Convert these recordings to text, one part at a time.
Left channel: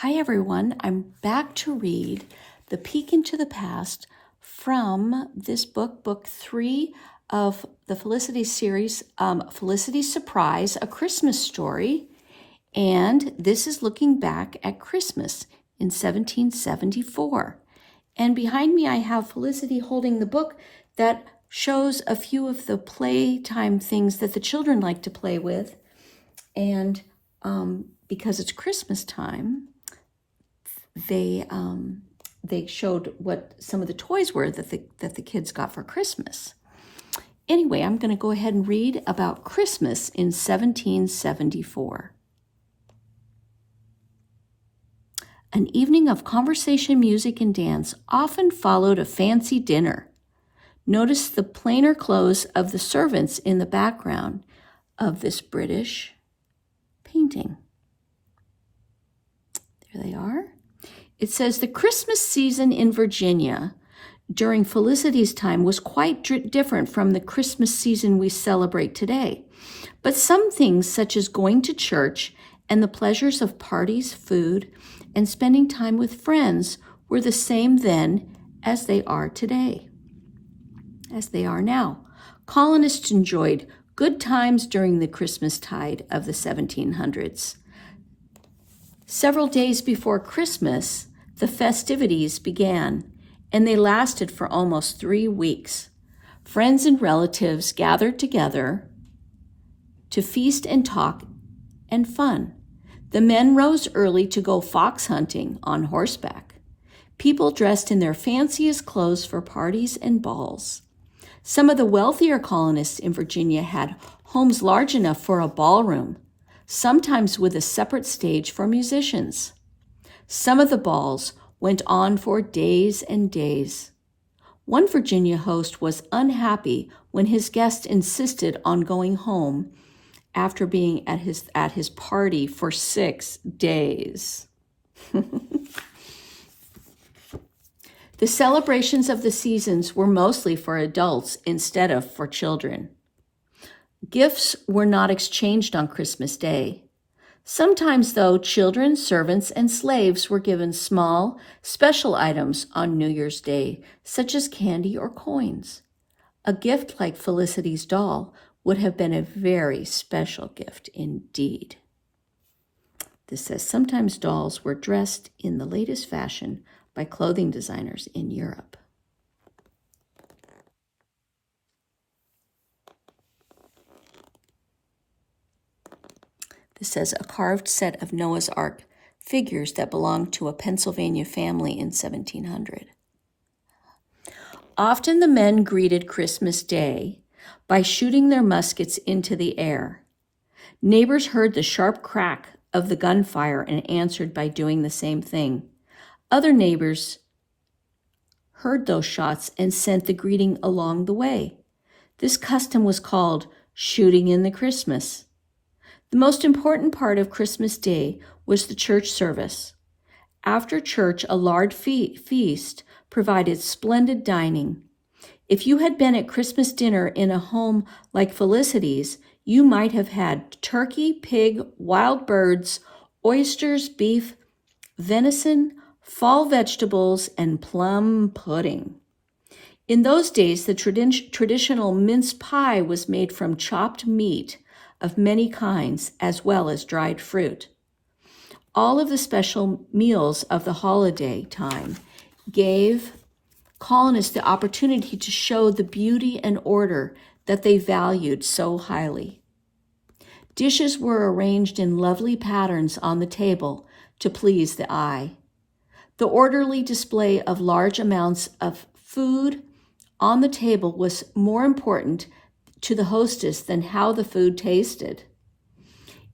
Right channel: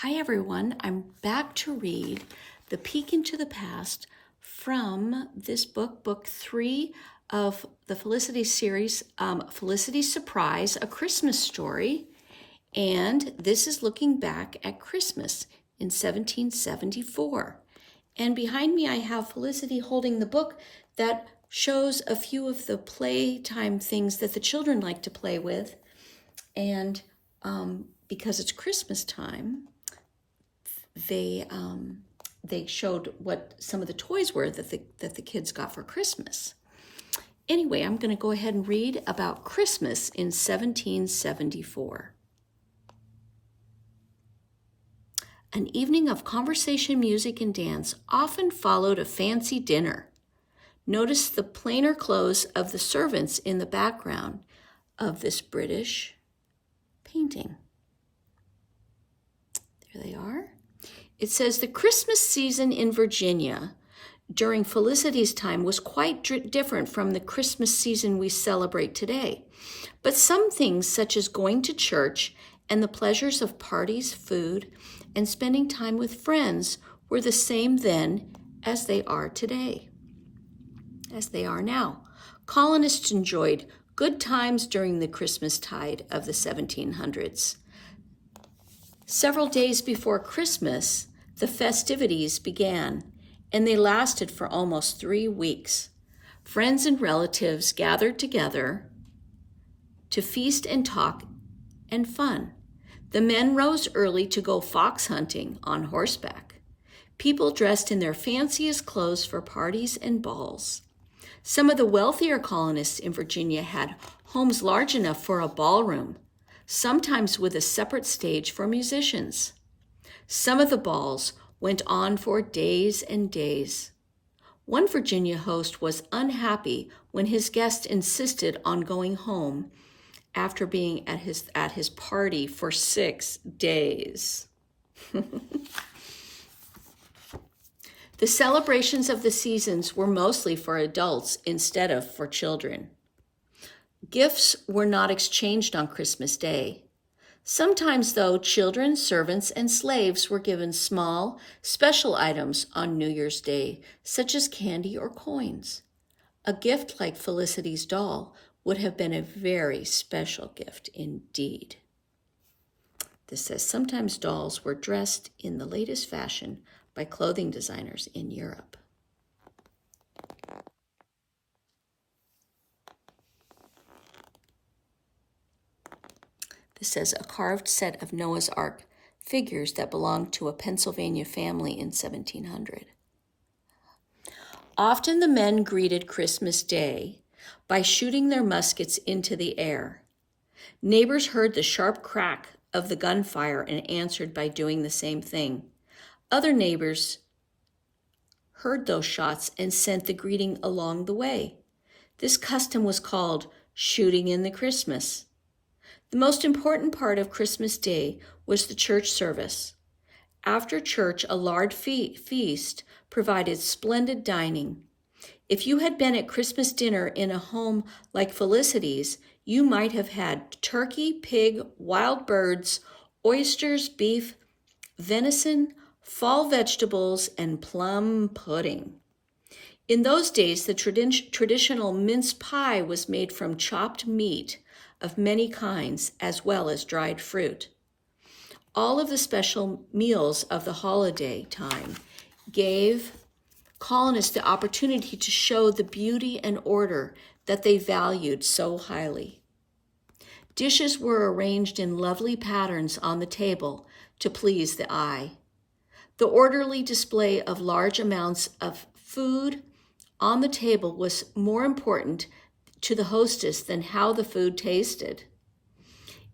Hi everyone, I'm back to read The Peek into the Past from this book 3 of the Felicity series, Felicity's Surprise, A Christmas Story. And this is looking back at Christmas in 1774. And behind me I have Felicity holding the book that shows a few of the playtime things that the children like to play with. And because it's Christmas time, they showed what some of the toys were that the kids got for Christmas. Anyway, I'm going to go ahead and read about Christmas in 1774. An evening of conversation, music, and dance often followed a fancy dinner. Notice the plainer clothes of the servants in the background of this British painting. There they are. It says the Christmas season in Virginia during Felicity's time was quite different from the Christmas season we celebrate today. But some things, such as going to church and the pleasures of parties, food, and spending time with friends, were the same then as they are today, as they are now. Colonists enjoyed good times during the Christmas tide of the 1700s. Several days before Christmas, the festivities began, and they lasted for almost 3 weeks. Friends and relatives gathered together to feast and talk and fun. The men rose early to go fox hunting on horseback. People dressed in their fanciest clothes for parties and balls. Some of the wealthier colonists in Virginia had homes large enough for a ballroom, sometimes with a separate stage for musicians. Some of the balls went on for days and days. One Virginia host was unhappy when his guest insisted on going home after being at his party for 6 days. The celebrations of the seasons were mostly for adults instead of for children. Gifts were not exchanged on Christmas Day. Sometimes, though, children, servants, and slaves were given small, special items on New Year's Day, such as candy or coins. A gift like Felicity's doll would have been a very special gift indeed. This says, sometimes dolls were dressed in the latest fashion by clothing designers in Europe. This says a carved set of Noah's Ark figures that belonged to a Pennsylvania family in 1700. Often the men greeted Christmas Day by shooting their muskets into the air. Neighbors heard the sharp crack of the gunfire and answered by doing the same thing. Other neighbors heard those shots and sent the greeting along the way. This custom was called shooting in the Christmas. The most important part of Christmas Day was the church service. After church, a large feast provided splendid dining. If you had been at Christmas dinner in a home like Felicity's, you might have had turkey, pig, wild birds, oysters, beef, venison, fall vegetables, and plum pudding. In those days, the traditional mince pie was made from chopped meat of many kinds, as well as dried fruit. All of the special meals of the holiday time gave colonists the opportunity to show the beauty and order that they valued so highly. Dishes were arranged in lovely patterns on the table to please the eye. The orderly display of large amounts of food on the table was more important to the hostess than how the food tasted.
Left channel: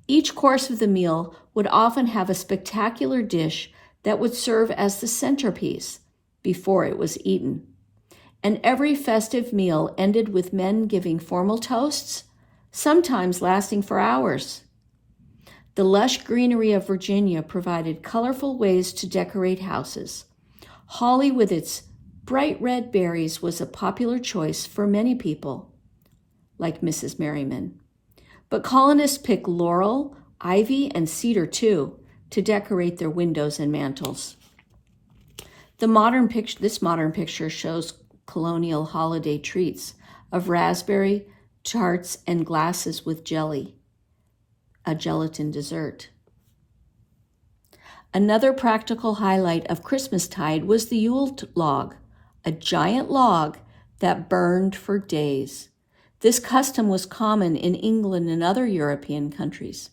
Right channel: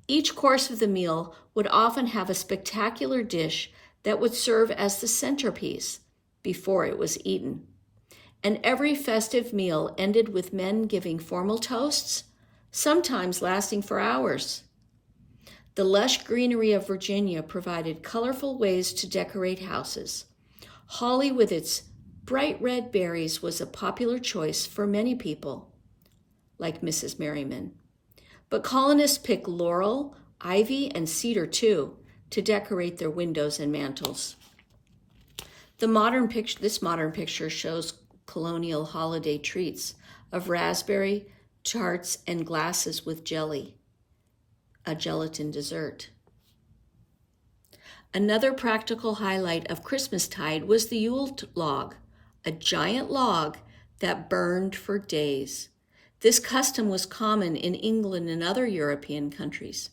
Each course of the meal would often have a spectacular dish that would serve as the centerpiece before it was eaten. And every festive meal ended with men giving formal toasts, sometimes lasting for hours. The lush greenery of Virginia provided colorful ways to decorate houses. Holly with its bright red berries was a popular choice for many people, like Mrs. Merriman. But colonists picked laurel, ivy, and cedar too, to decorate their windows and mantels. This modern picture shows colonial holiday treats of raspberry tarts and glasses with jelly, a gelatin dessert. Another practical highlight of Christmastide was the Yule log, a giant log that burned for days. This custom was common in England and other European countries.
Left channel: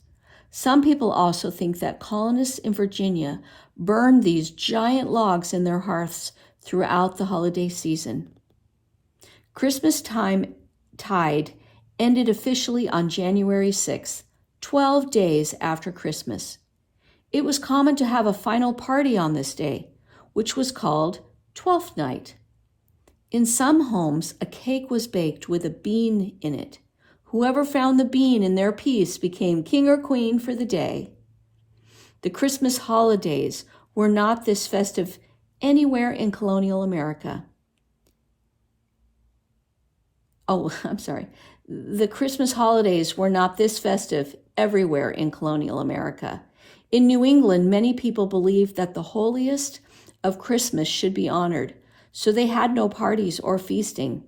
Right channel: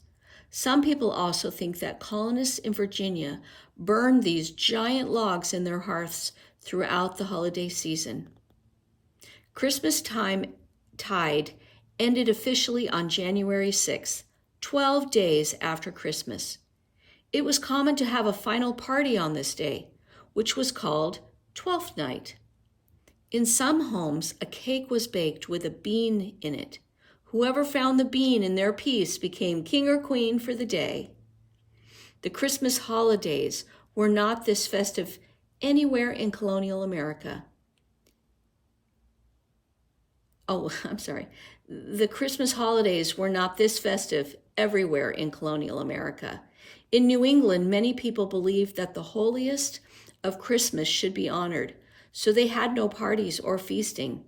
Some people also think that colonists in Virginia burned these giant logs in their hearths throughout the holiday season. Christmastide ended officially on January 6th, 12 days after Christmas. It was common to have a final party on this day, which was called Twelfth Night. In some homes, a cake was baked with a bean in it. Whoever found the bean in their piece became king or queen for the day. The Christmas holidays were not this festive anywhere in colonial America. The Christmas holidays were not this festive everywhere in colonial America. In New England, many people believed that the holiest of Christmas should be honored, so they had no parties or feasting.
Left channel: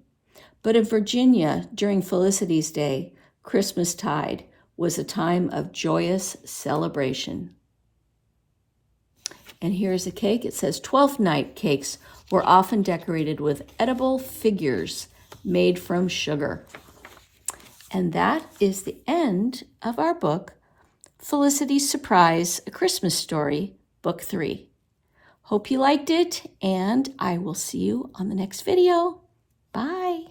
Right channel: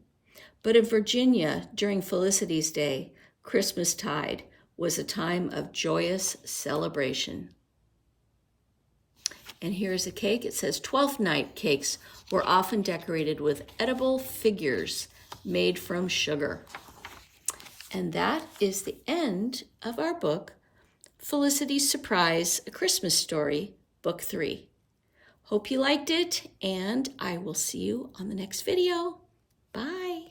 But in Virginia, during Felicity's Day, Christmastide was a time of joyous celebration. And here's a cake. It says 12th Night cakes were often decorated with edible figures made from sugar. And that is the end of our book, Felicity's Surprise, A Christmas Story, Book 3. Hope you liked it, and I will see you on the next video. Bye.